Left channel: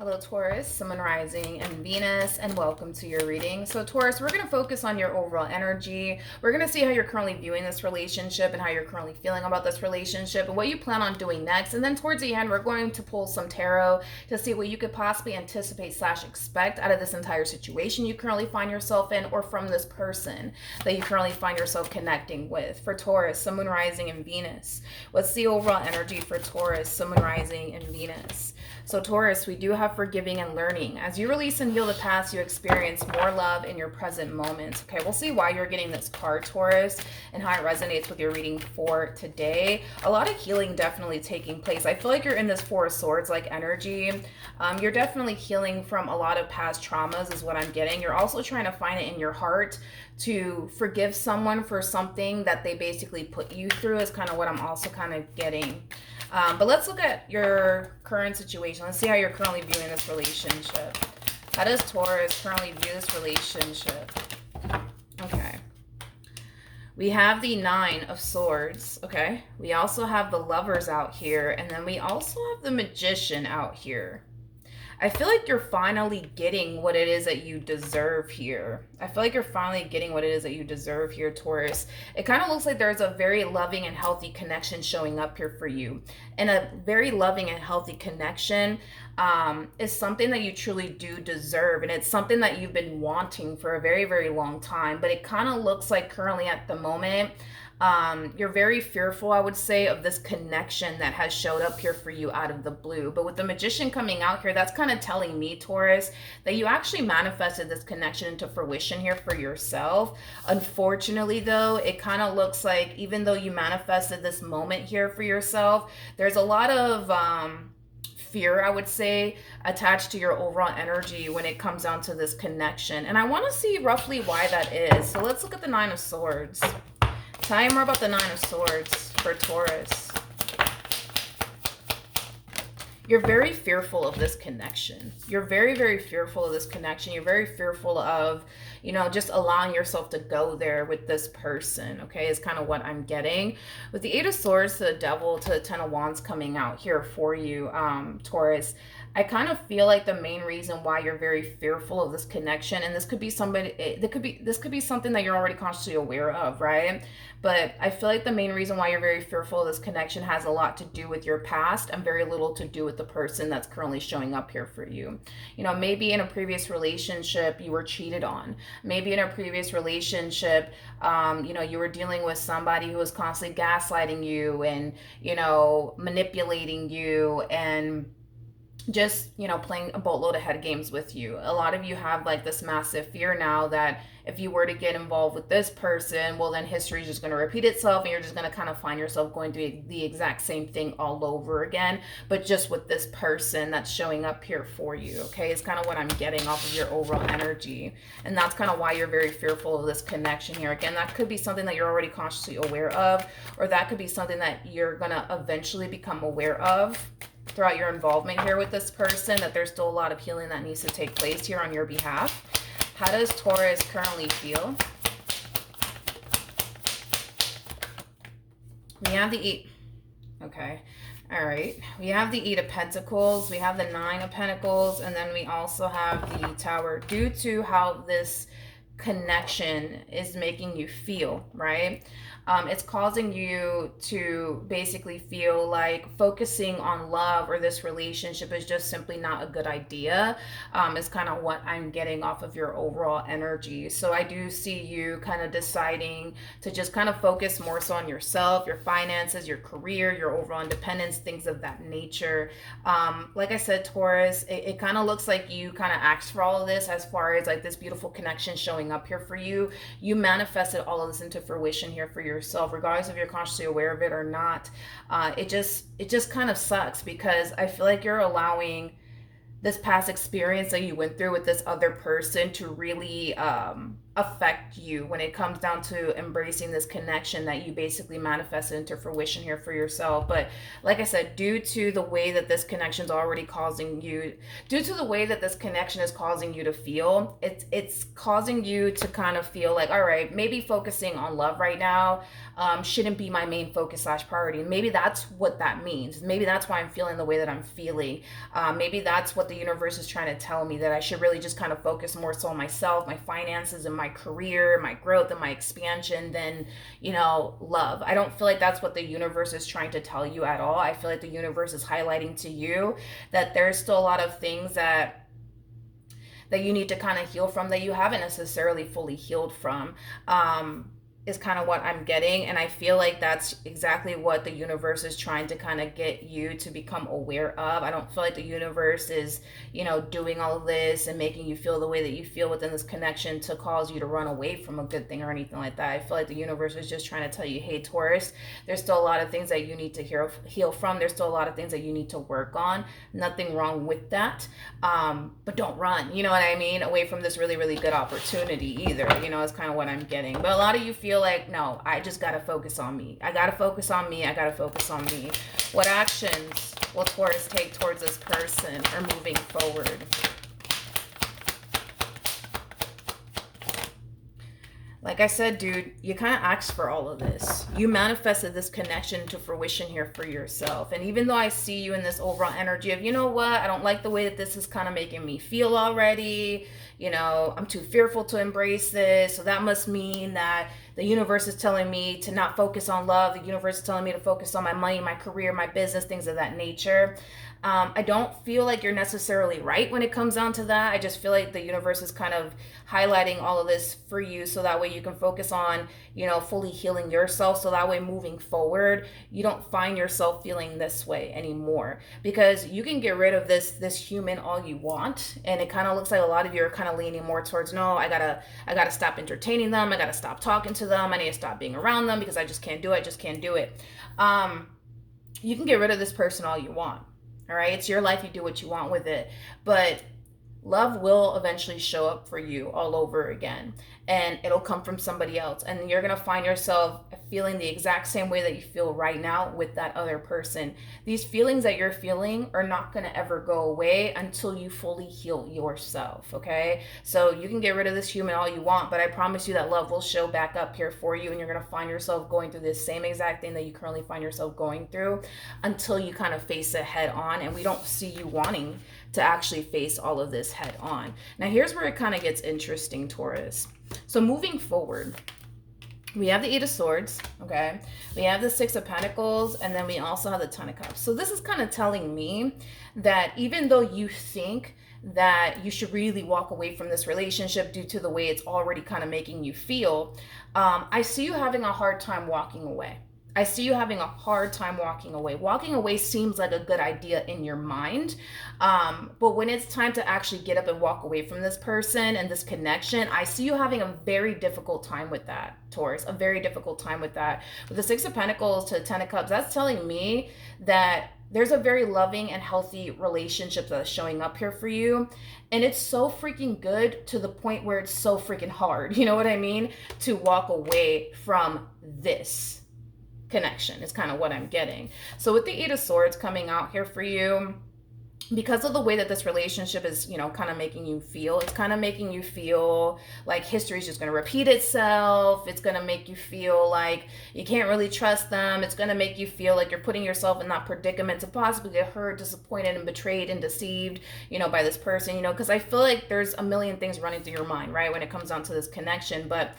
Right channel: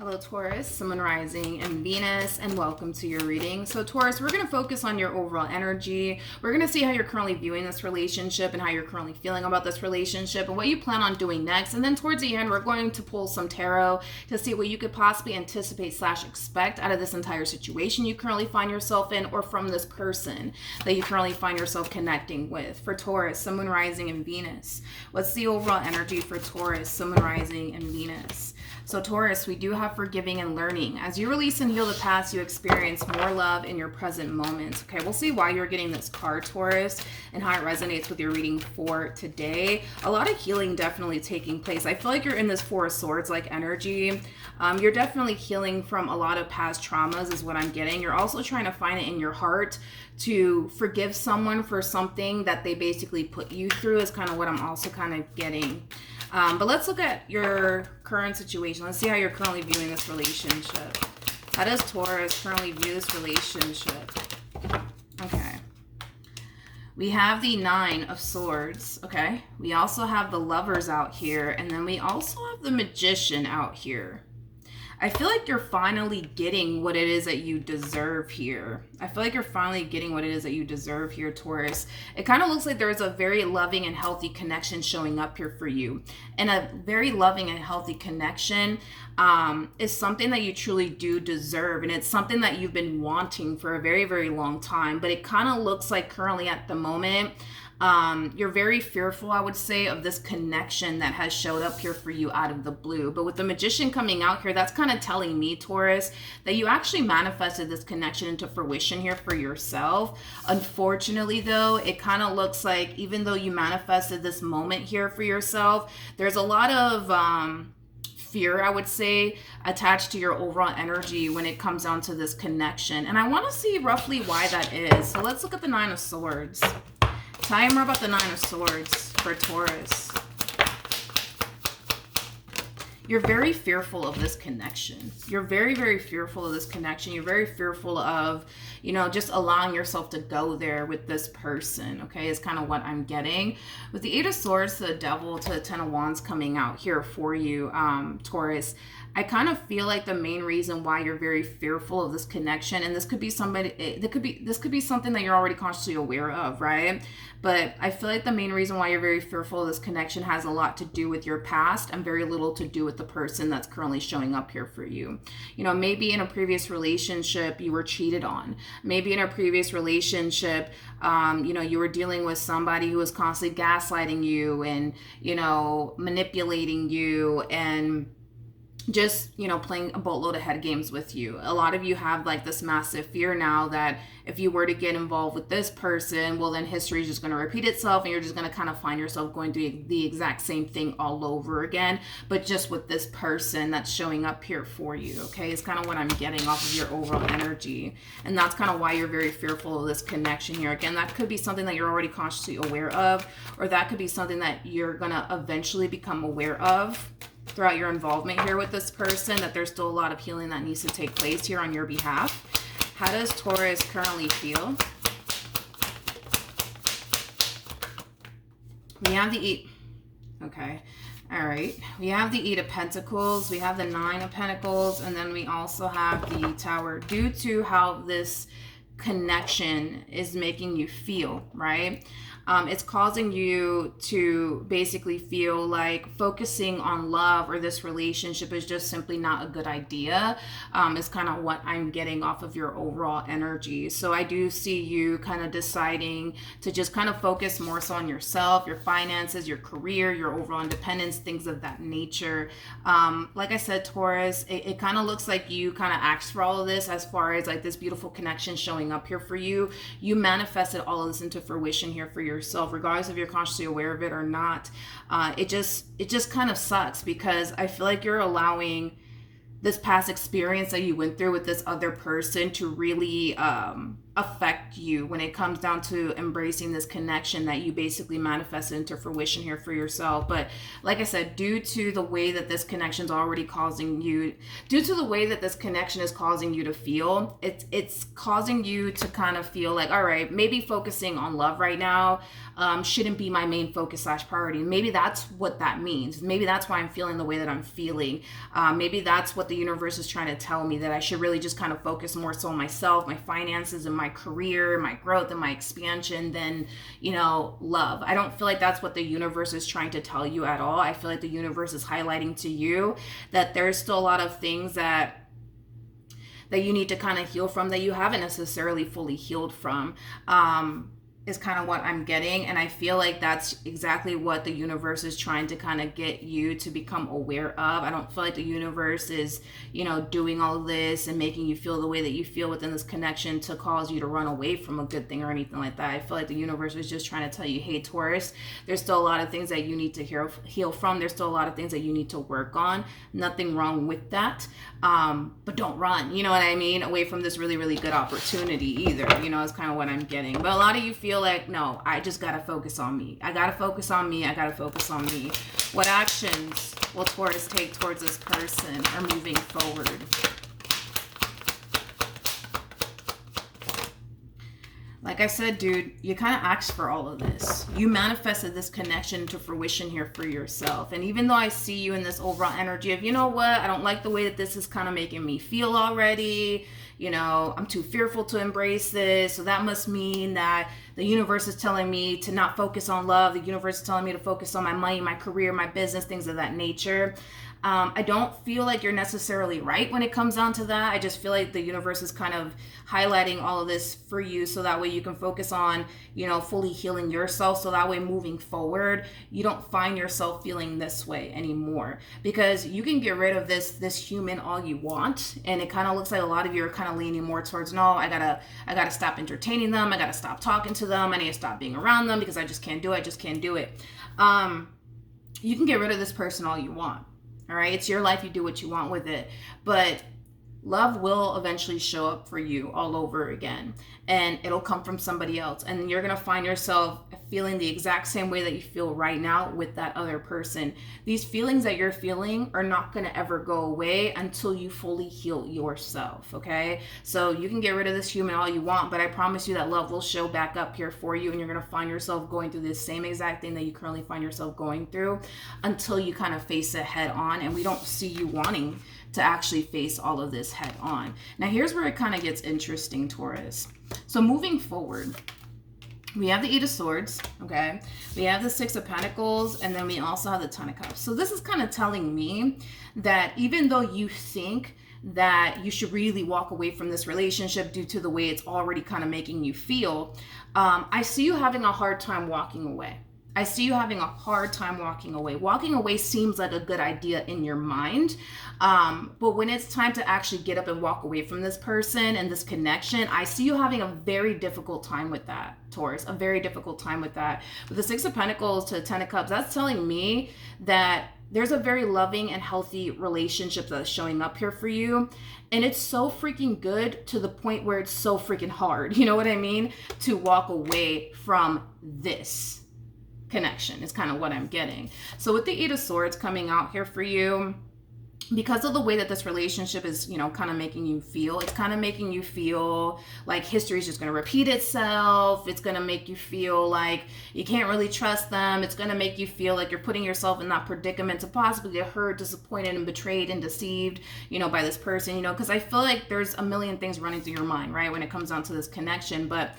Hello, Taurus, Sun, Moon, Rising, and Venus, and welcome to your reading. So, Taurus, we're going to focus on your overall energy. We're going to see how you're currently viewing this relationship and how you're currently feeling about this relationship and what you plan on doing next. And then towards the end, we're going to pull some tarot to see what you could possibly anticipate / expect out of this entire situation you currently find yourself in, or from this person that you currently find yourself connecting with. For Taurus, Sun, Moon, Rising, and Venus, what's the overall energy for Taurus, Sun, Moon, Rising, and Venus? So Taurus, we do have forgiving and learning. As you release and heal the past, you experience more love in your present moments. Okay, we'll see why you're getting this card, Taurus, and how it resonates with your reading for today. A lot of healing definitely taking place. I feel like you're in this Four of Swords like energy. You're definitely healing from a lot of past traumas is what I'm getting. You're also trying to find it in your heart to forgive someone for something that they basically put you through is kind of what I'm also kind of getting. But let's look at your current situation. Let's see how you're currently viewing this relationship. How does Taurus currently view this relationship? Okay. We have the Nine of Swords, okay? We also have the Lovers out here, and then we also have the Magician out here. I feel like you're finally getting what it is that you deserve here. I feel like you're finally getting what it is that you deserve here, Taurus. It kind of looks like there's a very loving and healthy connection showing up here for you. And a very loving and healthy connection is something that you truly do deserve. And it's something that you've been wanting for a very, very long time. But it kind of looks like currently at the moment, you're very fearful, I would say, of this connection that has showed up here for you out of the blue. But with the Magician coming out here, that's kind of telling me, Taurus, that you actually manifested this connection into fruition here for yourself. Unfortunately, though, it kind of looks like even though you manifested this moment here for yourself, there's a lot of fear, I would say, attached to your overall energy when it comes down to this connection. And I want to see roughly why that is. So let's look at the Nine of Swords. Tell me more about the Nine of Swords for Taurus. You're very fearful of this connection. You're very, very fearful of this connection. You're very fearful of, you know, just allowing yourself to go there with this person, okay, is kind of what I'm getting. With the Eight of Swords to the Devil to the Ten of Wands coming out here for you, Taurus, I kind of feel like the main reason why you're very fearful of this connection, and this could be this could be something that you're already consciously aware of, right? But I feel like the main reason why you're very fearful of this connection has a lot to do with your past and very little to do with the person that's currently showing up here for you. You know, maybe in a previous relationship you were cheated on. Maybe in a previous relationship, you know, you were dealing with somebody who was constantly gaslighting you and, you know, manipulating you and just, you know, playing a boatload of head games with you. A lot of you have like this massive fear now that if you were to get involved with this person, well, then history is just going to repeat itself and you're just going to kind of find yourself going through the exact same thing all over again, but just with this person that's showing up here for you, okay? It's kind of what I'm getting off of your overall energy. And that's kind of why you're very fearful of this connection here. Again, that could be something that you're already consciously aware of, or that could be something that you're going to eventually become aware of throughout your involvement here with this person, that there's still a lot of healing that needs to take place here on your behalf. How does Taurus currently feel? We have the Eight. Okay. All right. We have the Eight of Pentacles. We have the Nine of Pentacles. And then we also have the Tower. Due to how this connection is making you feel, right? It's causing you to basically feel like focusing on love or this relationship is just simply not a good idea, is kind of what I'm getting off of your overall energy. So I do see you kind of deciding to just kind of focus more so on yourself, your finances, your career, your overall independence, things of that nature. Like I said, Taurus, it kind of looks like you kind of asked for all of this as far as like this beautiful connection showing up here for you. You manifested all of this into fruition here for yourself, regardless if you're consciously aware of it or not. It just kind of sucks because I feel like you're allowing this past experience that you went through with this other person to really affect you when it comes down to embracing this connection that you basically manifested into fruition here for yourself. But like I said, due to the way that this connection is already causing you, due to the way that this connection is causing you to feel, it's causing you to kind of feel like, all right, maybe focusing on love right now shouldn't be my main focus / priority. And maybe that's what that means. Maybe that's why I'm feeling the way that I'm feeling. Maybe that's what the universe is trying to tell me, that I should really just kind of focus more so on myself, my finances, and my career, my growth, and my expansion than, love. I don't feel like that's what the universe is trying to tell you at all. I feel like the universe is highlighting to you that there's still a lot of things that you need to kind of heal from, that you haven't necessarily fully healed from. Is kind of what I'm getting. And I feel like that's exactly what the universe is trying to kind of get you to become aware of. I don't feel like the universe is, doing all of this and making you feel the way that you feel within this connection to cause you to run away from a good thing or anything like that. I feel like the universe is just trying to tell you, hey, Taurus, there's still a lot of things that you need to heal from. There's still a lot of things that you need to work on. Nothing wrong with that. But don't run, you know what I mean, away from this really, really good opportunity either. Is kind of what I'm getting. But a lot of you feel like, no, I just got to focus on me. I got to focus on me. I got to focus on me. What actions will Taurus take towards this person or moving forward? Like I said, dude, you kind of asked for all of this. You manifested this connection to fruition here for yourself. And even though I see you in this overall energy of, you know what, I don't like the way that this is kind of making me feel already. I'm too fearful to embrace this. So that must mean that the universe is telling me to not focus on love. The universe is telling me to focus on my money, my career, my business, things of that nature. I don't feel like you're necessarily right when it comes down to that. I just feel like the universe is kind of highlighting all of this for you so that way you can focus on, fully healing yourself. So that way moving forward, you don't find yourself feeling this way anymore, because you can get rid of this human all you want. And it kind of looks like a lot of you are kind of leaning more towards, no, I gotta stop entertaining them. I gotta stop talking to them. I need to stop being around them because I just can't do it. You can get rid of this person all you want. All right, it's your life. You do what you want with it. But love will eventually show up for you all over again. And it'll come from somebody else. And you're going to find yourself feeling the exact same way that you feel right now with that other person. These feelings that you're feeling are not going to ever go away until you fully heal yourself, okay? So you can get rid of this human all you want, but I promise you that love will show back up here for you, and you're going to find yourself going through this same exact thing that you currently find yourself going through until you kind of face it head on. And we don't see you wanting to actually face all of this head on. Now, here's where it kind of gets interesting, Taurus. So moving forward, we have the Eight of Swords, okay? We have the Six of Pentacles, and then we also have the Ten of Cups. So this is kind of telling me that even though you think that you should really walk away from this relationship due to the way it's already kind of making you feel, I see you having a hard time walking away. I see you having a hard time walking away. Walking away seems like a good idea in your mind. But when it's time to actually get up and walk away from this person and this connection, I see you having a very difficult time with that, Taurus. A very difficult time with that. With the Six of Pentacles to the Ten of Cups, that's telling me that there's a very loving and healthy relationship that's showing up here for you. And it's so freaking good to the point where it's so freaking hard, you know what I mean, to walk away from this connection is kind of what I'm getting. So with the Eight of Swords coming out here for you, because of the way that this relationship is, kind of making you feel, it's kind of making you feel like history is just going to repeat itself. It's going to make you feel like you can't really trust them. It's going to make you feel like you're putting yourself in that predicament to possibly get hurt, disappointed, and betrayed and deceived, by this person, because I feel like there's a million things running through your mind, right, when it comes down to this connection. But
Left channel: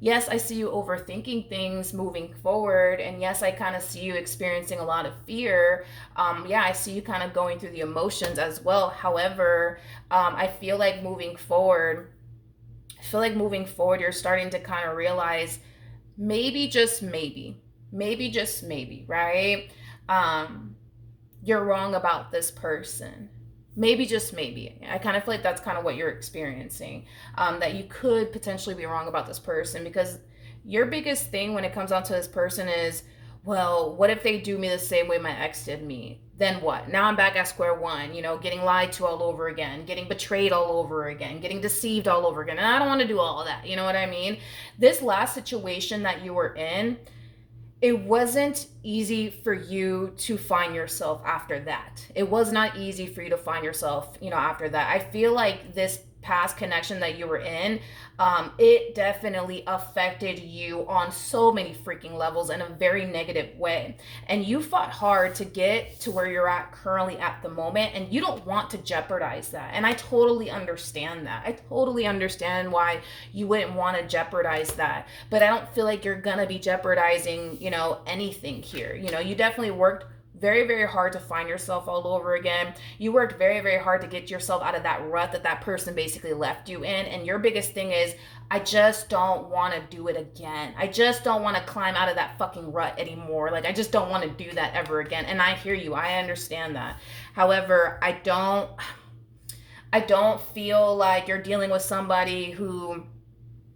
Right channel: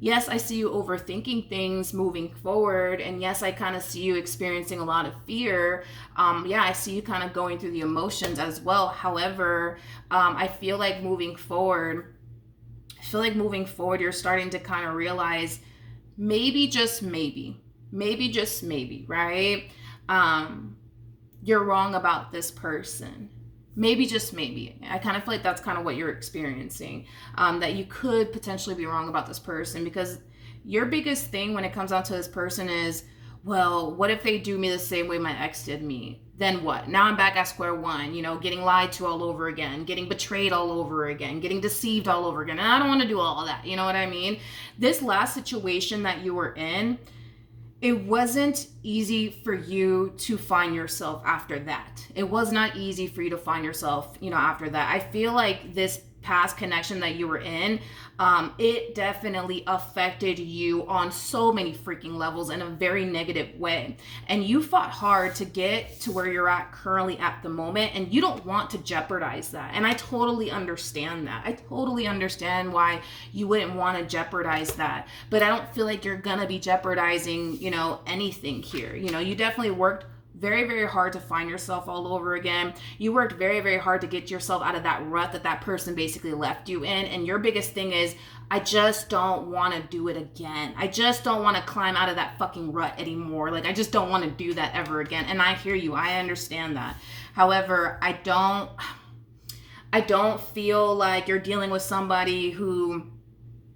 yes, I see you overthinking things moving forward. And yes, I kind of see you experiencing a lot of fear. I see you kind of going through the emotions as well. However, I feel like moving forward, you're starting to kind of realize maybe, just maybe, right? You're wrong about this person. Maybe, just maybe. I kind of feel like that's kind of what you're experiencing, that you could potentially be wrong about this person, because your biggest thing when it comes down to this person is, well, what if they do me the same way my ex did me? then what? Now I'm back at square one, you know, getting lied to all over again, getting betrayed all over again, getting deceived all over again. And I don't want to do all of that. You know what I mean? This last situation that you were in, it wasn't easy for you to find yourself after that. It was not easy for you to find yourself, you know, after that. I feel like this past connection that you were in, it definitely affected you on so many freaking levels in a very negative way. And you fought hard to get to where you're at currently at the moment, and you don't want to jeopardize that. And I totally understand that. I totally understand why you wouldn't want to jeopardize that. But I don't feel like you're gonna be jeopardizing, you know, anything here. You know, you definitely worked very, very hard to find yourself all over again. You worked very, very hard to get yourself out of that rut that that person basically left you in. And your biggest thing is, I just don't want to do it again. I just don't want to climb out of that fucking rut anymore. Like, I just don't want to do that ever again. And I hear you. I understand that. However, I don't feel like you're dealing with somebody who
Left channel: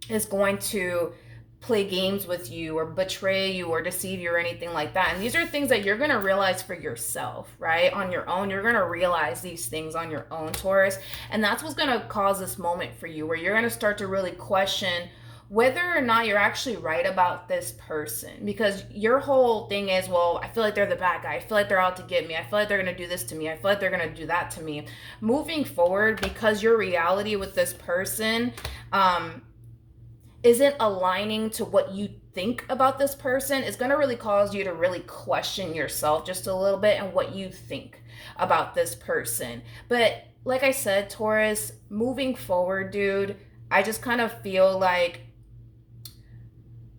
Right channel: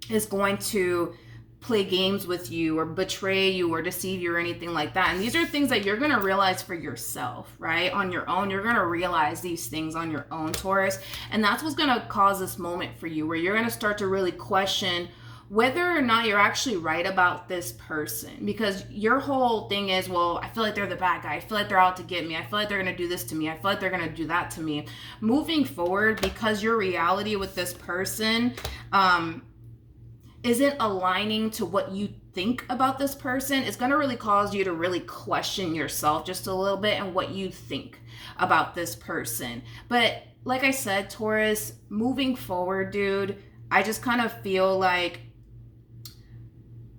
is going to play games with you or betray you or deceive you or anything like that. And these are things that you're going to realize for yourself, right? On your own, you're going to realize these things on your own, Taurus. And that's what's going to cause this moment for you where you're going to start to really question whether or not you're actually right about this person. Because your whole thing is, well, I feel like they're the bad guy. I feel like they're out to get me. I feel like they're going to do this to me. I feel like they're going to do that to me. Moving forward, because your reality with this person, isn't aligning to what you think about this person, is going to really cause you to really question yourself just a little bit and what you think about this person. But like I said, Taurus, moving forward, dude, I just kind of feel like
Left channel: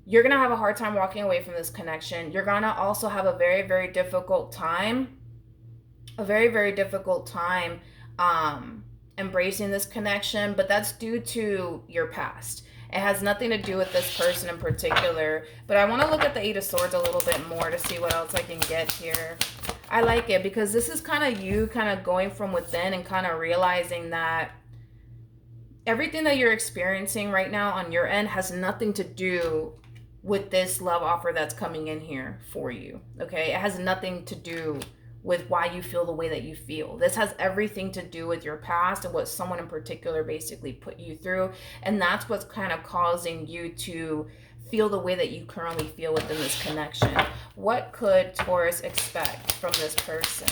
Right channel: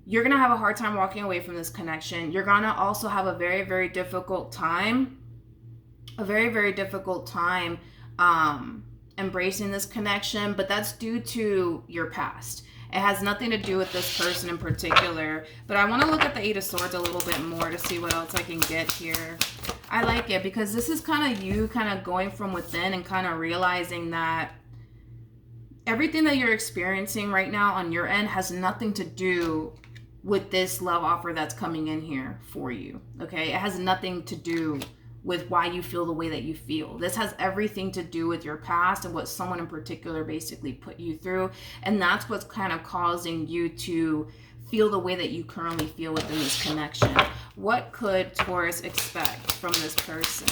you're going to have a hard time walking away from this connection. You're going to also have a very, very difficult time, embracing this connection, but that's due to your past. It has nothing to do with this person in particular. But I want to look at the Eight of Swords a little bit more to see what else I can get here. I like it because this is kind of you kind of going from within and kind of realizing that everything that you're experiencing right now on your end has nothing to do with this love offer that's coming in here for you. Okay? It has nothing to do with why you feel the way that you feel. This has everything to do with your past and what someone in particular basically put you through. And that's what's kind of causing you to feel the way that you currently feel within this connection. What could Taurus expect from this person?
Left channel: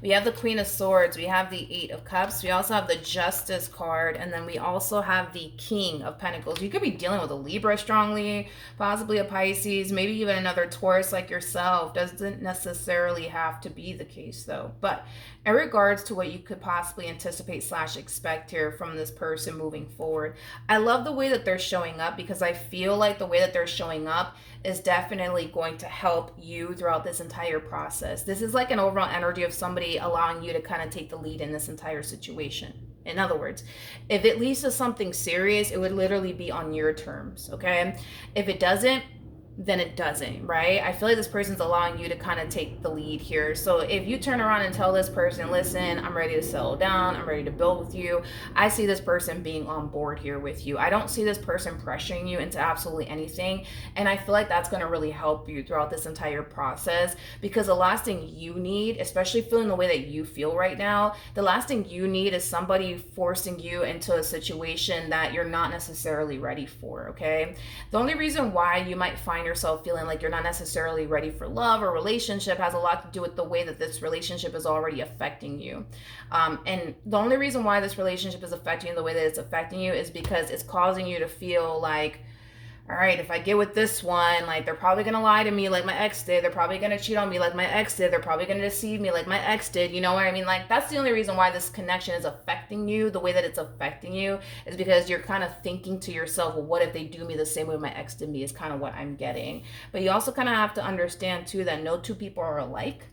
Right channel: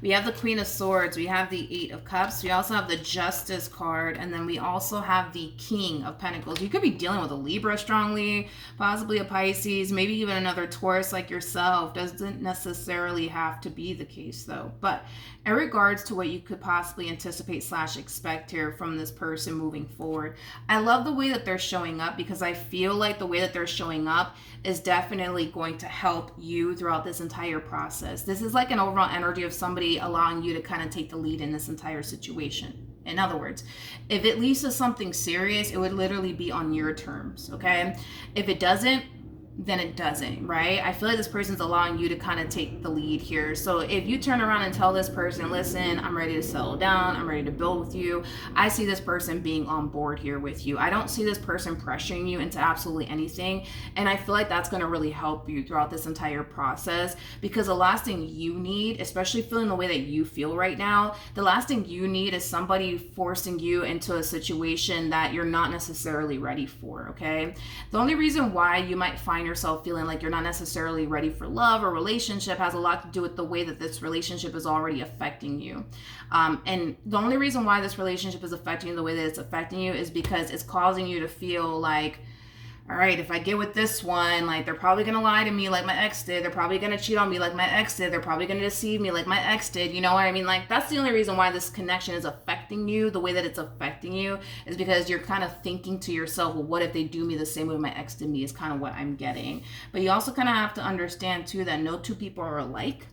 We have the Queen of Swords, we have the Eight of Cups, we also have the Justice card, and then we also have the King of Pentacles. You could be dealing with a Libra strongly, possibly a Pisces, maybe even another Taurus like yourself. Doesn't necessarily have to be the case though. But in regards to what you could possibly anticipate / expect here from this person moving forward, I love the way that they're showing up because I feel like the way that they're showing up is definitely going to help you throughout this entire process. This is like an overall energy of somebody allowing you to kind of take the lead in this entire situation. In other words, if it leads to something serious, it would literally be on your terms, okay? If it doesn't, then it doesn't, right? I feel like this person's allowing you to kind of take the lead here. So if you turn around and tell this person, listen, I'm ready to settle down, I'm ready to build with you, I see this person being on board here with you. I don't see this person pressuring you into absolutely anything. And I feel like that's going to really help you throughout this entire process, because the last thing you need, especially feeling the way that you feel right now, the last thing you need is somebody forcing you into a situation that you're not necessarily ready for, okay? The only reason why you might find yourself feeling like you're not necessarily ready for love or relationship has a lot to do with the way that this relationship is already affecting you. And the only reason why this relationship is affecting you the way that it's affecting you is because it's causing you to feel like, all right, if I get with this one, like they're probably going to lie to me like my ex did. They're probably going to cheat on me like my ex did. They're probably going to deceive me like my ex did. You know what I mean? Like, that's the only reason why this connection is affecting you the way that it's affecting you, is because you're kind of thinking to yourself, well, what if they do me the same way my ex did me, is kind of what I'm getting. But you also kind of have to understand too that no two people are alike.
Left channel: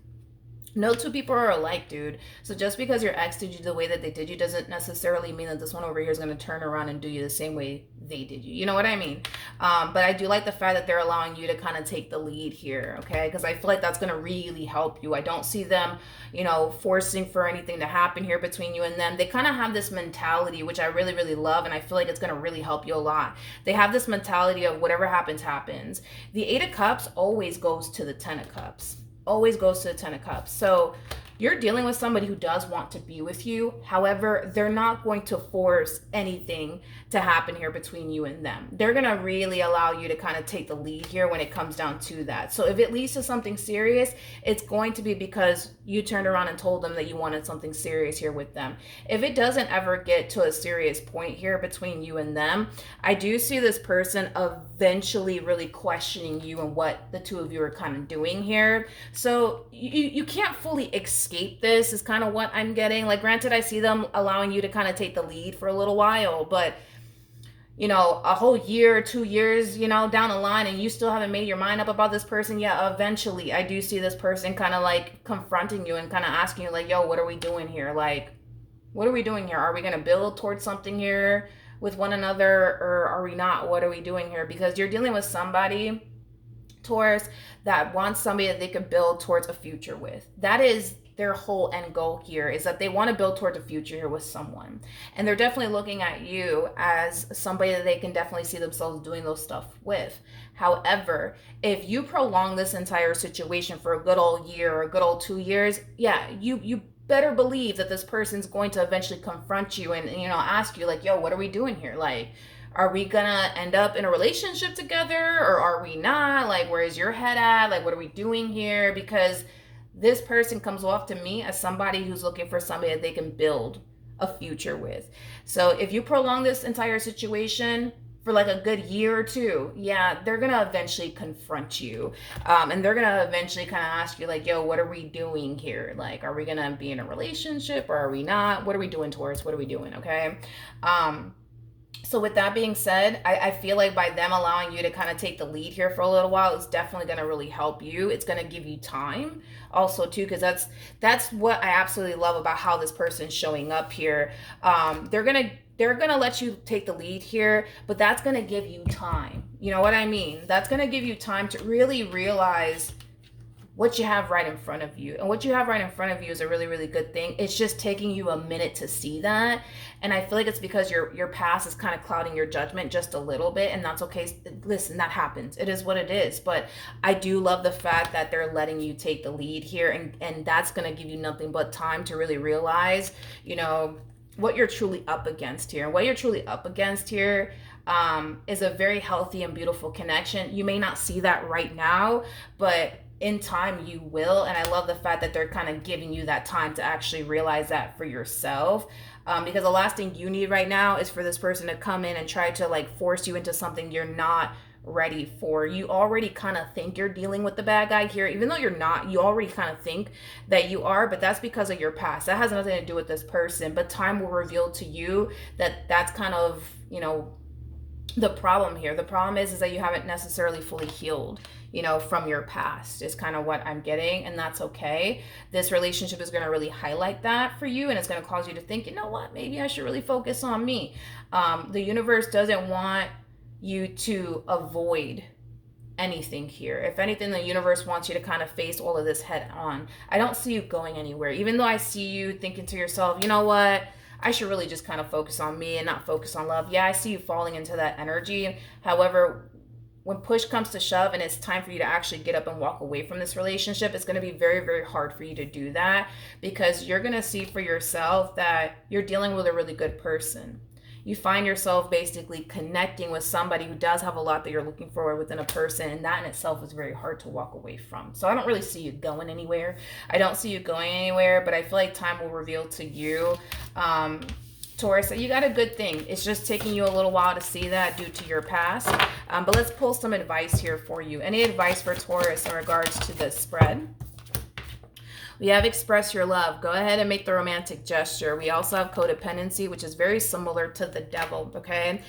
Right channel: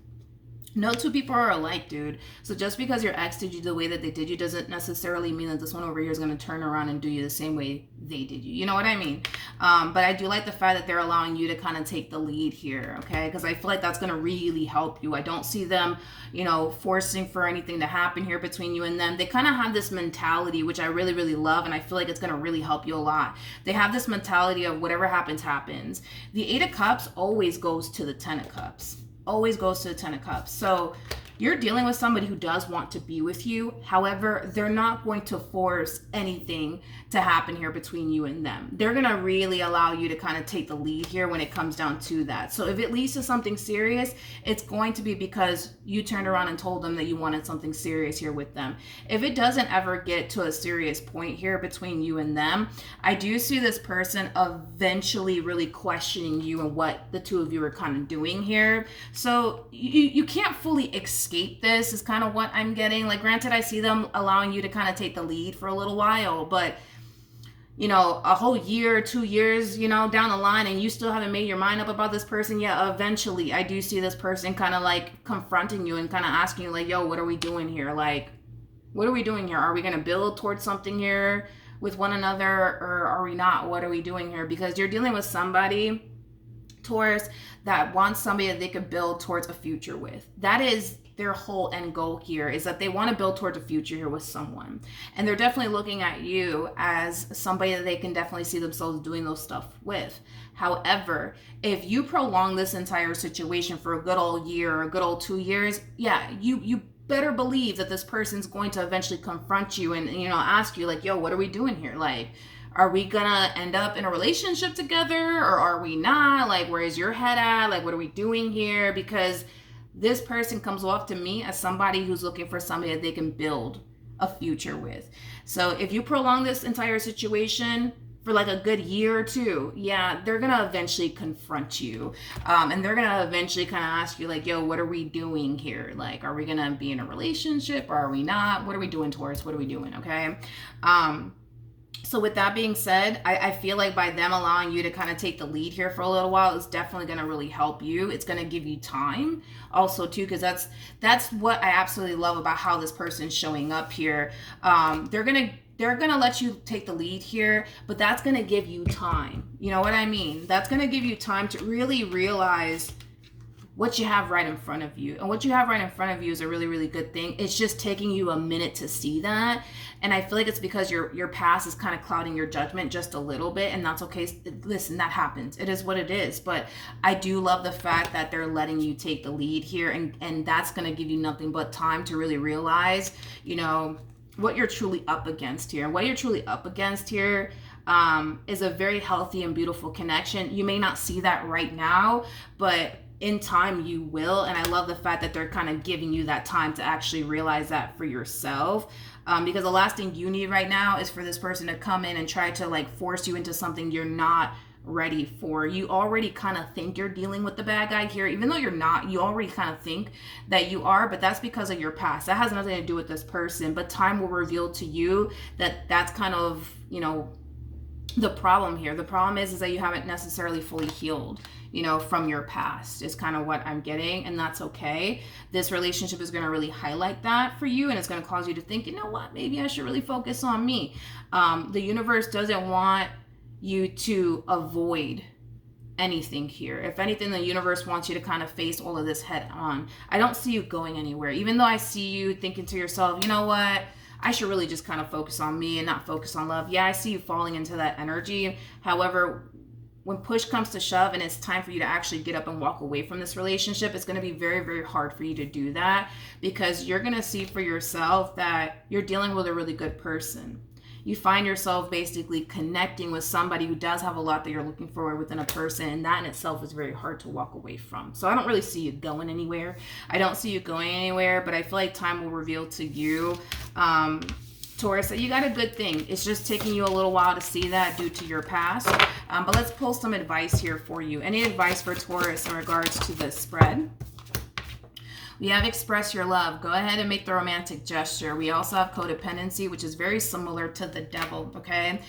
No two people are alike, dude. So just because your ex did you the way that they did you doesn't necessarily mean that this one over here is going to turn around and do you the same way they did you. You know what I mean? But I do like the fact that they're allowing you to kind of take the lead here, okay? Because I feel like that's going to really help you. I don't see them, you know, forcing for anything to happen here between you and them. They kind of have this mentality, which I really, really love, and I feel like it's going to really help you a lot. They have this mentality of whatever happens, happens. The Eight of Cups always goes to the Ten of Cups. Always goes to the Ten of Cups. So you're dealing with somebody who does want to be with you. However, they're not going to force anything to happen here between you and them. They're going to really allow you to kind of take the lead here when it comes down to that. So if it leads to something serious, it's going to be because you turned around and told them that you wanted something serious here with them. If it doesn't ever get to a serious point here between you and them, I do see this person eventually really questioning you and what the two of you are kind of doing here. So you can't fully escape this is kind of what I'm getting. Like, granted, I see them allowing you to kind of take the lead for a little while, but you know, a whole year, 2 years, you know, down the line, and you still haven't made your mind up about this person, yeah, eventually I do see this person kind of like confronting you and kind of asking you like, yo, what are we doing here? Like, what are we doing here? Are we going to build towards something here with one another, or are we not? What are we doing here? Because you're dealing with somebody, Taurus, that wants somebody that they could build towards a future with. That is their whole end goal here, is that they want to build towards a future here with someone. And they're definitely looking at you as somebody that they can definitely see themselves doing those stuff with. However, if you prolong this entire situation for a good old year or a good old 2 years, yeah, you better believe that this person's going to eventually confront you and, you know, ask you like, yo, what are we doing here? Like, are we gonna end up in a relationship together, or are we not? Like, where is your head at? Like, what are we doing here? Because this person comes off to me as somebody who's looking for somebody that they can build a future with. So if you prolong this entire situation for like a good year or two, yeah, they're gonna eventually confront you, and they're gonna eventually kind of ask you like, yo, what are we doing here? Like, are we gonna be in a relationship, or are we not? What are we doing, Taurus? What are we doing? Okay. So with that being said, I feel like by them allowing you to kind of take the lead here for a little while is definitely going to really help you. It's going to give you time also too, because that's what I absolutely love about how this person's showing up here. They're gonna let you take the lead here, but that's gonna give you time. You know what I mean? That's gonna give you time to really realize what you have right in front of you. And what you have right in front of you is a really, really good thing. It's just taking you a minute to see that. And I feel like it's because your past is kind of clouding your judgment just a little bit, and that's okay. Listen, that happens. It is what it is. But I do love the fact that they're letting you take the lead here, and that's going to give you nothing but time to really realize, you know, what you're truly up against here. What you're truly up against here is a very healthy and beautiful connection. You may not see that right now, but in time you will. And I love the fact that they're kind of giving you that time to actually realize that for yourself, because the last thing you need right now is for this person to come in and try to like force you into something you're not ready for. You already kind of think you're dealing with the bad guy here, even though you're not. You already kind of think that you are, but that's because of your past. That has nothing to do with this person, but time will reveal to you that that's kind of, you know, the problem here. The problem is that you haven't necessarily fully healed, you know, from your past is kind of what I'm getting, and that's okay. This relationship is going to really highlight that for you, and it's going to cause you to think, you know what, maybe I should really focus on me. The universe doesn't want you to avoid anything here. If anything, the universe wants you to kind of face all of this head on. I don't see you going anywhere, even though I see you thinking to yourself, you know what, I should really just kind of focus on me and not focus on love. Yeah, I see you falling into that energy. However, when push comes to shove and it's time for you to actually get up and walk away from this relationship, it's going to be very, very hard for you to do that, because you're going to see for yourself that you're dealing with a really good person. You find yourself basically connecting with somebody who does have a lot that you're looking for within a person, and that in itself is very hard to walk away from. So I don't really see you going anywhere. I don't see you going anywhere, but I feel like time will reveal to you, Taurus, that you got a good thing. It's just taking you a little while to see that due to your past. But let's pull some advice here for you. Any advice for Taurus in regards to this spread? We have express your love. Go ahead and make the romantic gesture. We also have codependency, which is very similar to the devil, okay?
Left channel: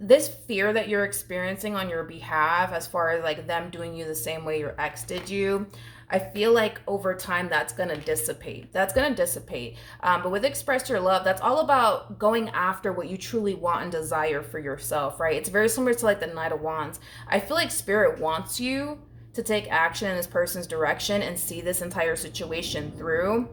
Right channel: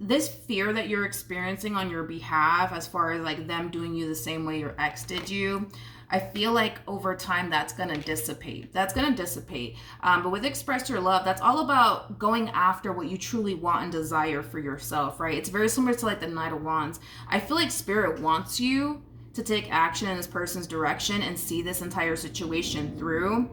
This fear that you're experiencing on your behalf, as far as like them doing you the same way your ex did you, I feel like over time that's going to dissipate. That's going to dissipate. But with express your love, that's all about going after what you truly want and desire for yourself, right? It's very similar to like the Knight of Wands. I feel like Spirit wants you to take action in this person's direction and see this entire situation through.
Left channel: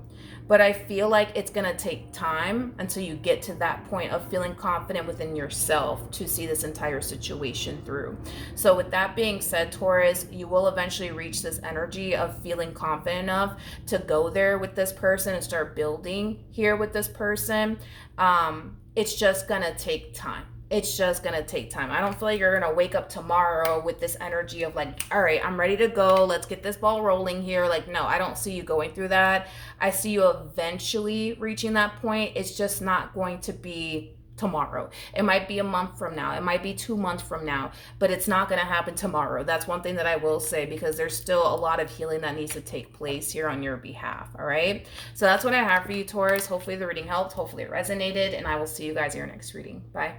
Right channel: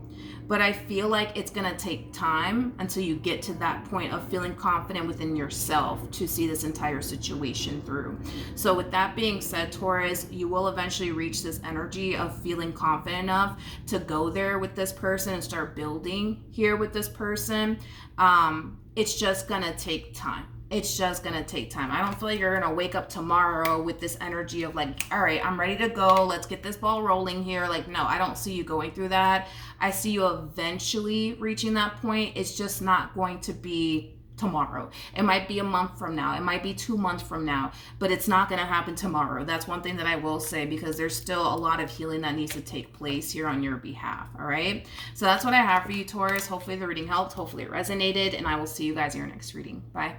But I feel like it's going to take time until you get to that point of feeling confident within yourself to see this entire situation through. So with that being said, Taurus, you will eventually reach this energy of feeling confident enough to go there with this person and start building here with this person. It's just going to take time. It's just going to take time. I don't feel like you're going to wake up tomorrow with this energy of like, all right, I'm ready to go. Let's get this ball rolling here. Like, no, I don't see you going through that. I see you eventually reaching that point. It's just not going to be tomorrow. It might be a month from now. It might be 2 months from now, but it's not going to happen tomorrow. That's one thing that I will say, because there's still a lot of healing that needs to take place here on your behalf. All right. So that's what I have for you, Taurus. Hopefully the reading helped. Hopefully it resonated, and I will see you guys in your next reading. Bye.